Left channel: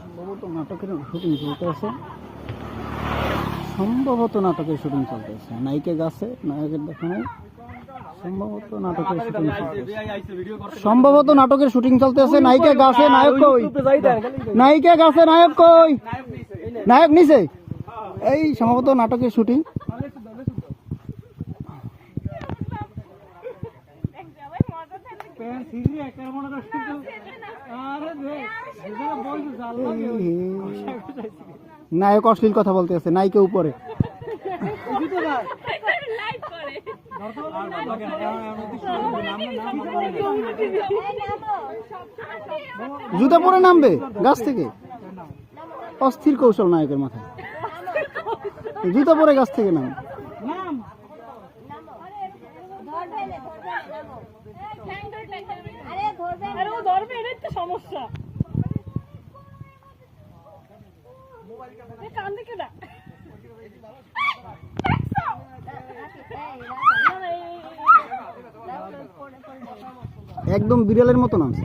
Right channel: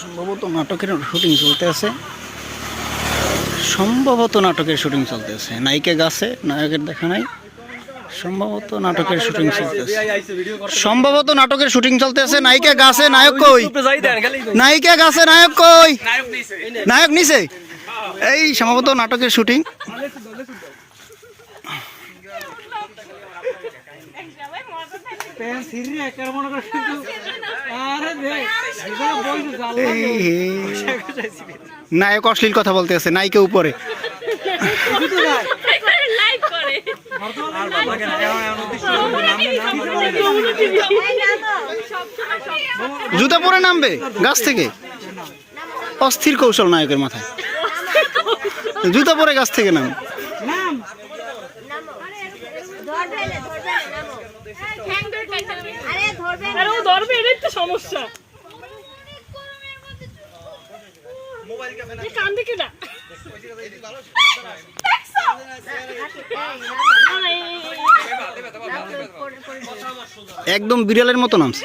সম্ভবত নাটকের শুটিং চলতে আছে, সম্ভবত নাটকের শুটিং চলতে আছে। নায়িকা গাছে, নায়কের দেখা নাই। সম্ভবত নাটকের শুটিং চলতেছে, সম্ভবত নাটকের শুটিং চলতেছে। নায়িকা গাছে, নায়ক কই? নায়িকা গাছে, নায়ক কই? নায়ক নিচে। এই সম্ভবত নাটকের শুটিং। নায়ক অশ্লীল কথা বলতে আছে, নায়িকা উপরে। জুতা পরে নামবে গাছ থেকে, অস্থির কৌশল নায়কের মাথায়। জুতা পরে গাছ থেকে নাম। একদম বিড়ালের মতো নামছে।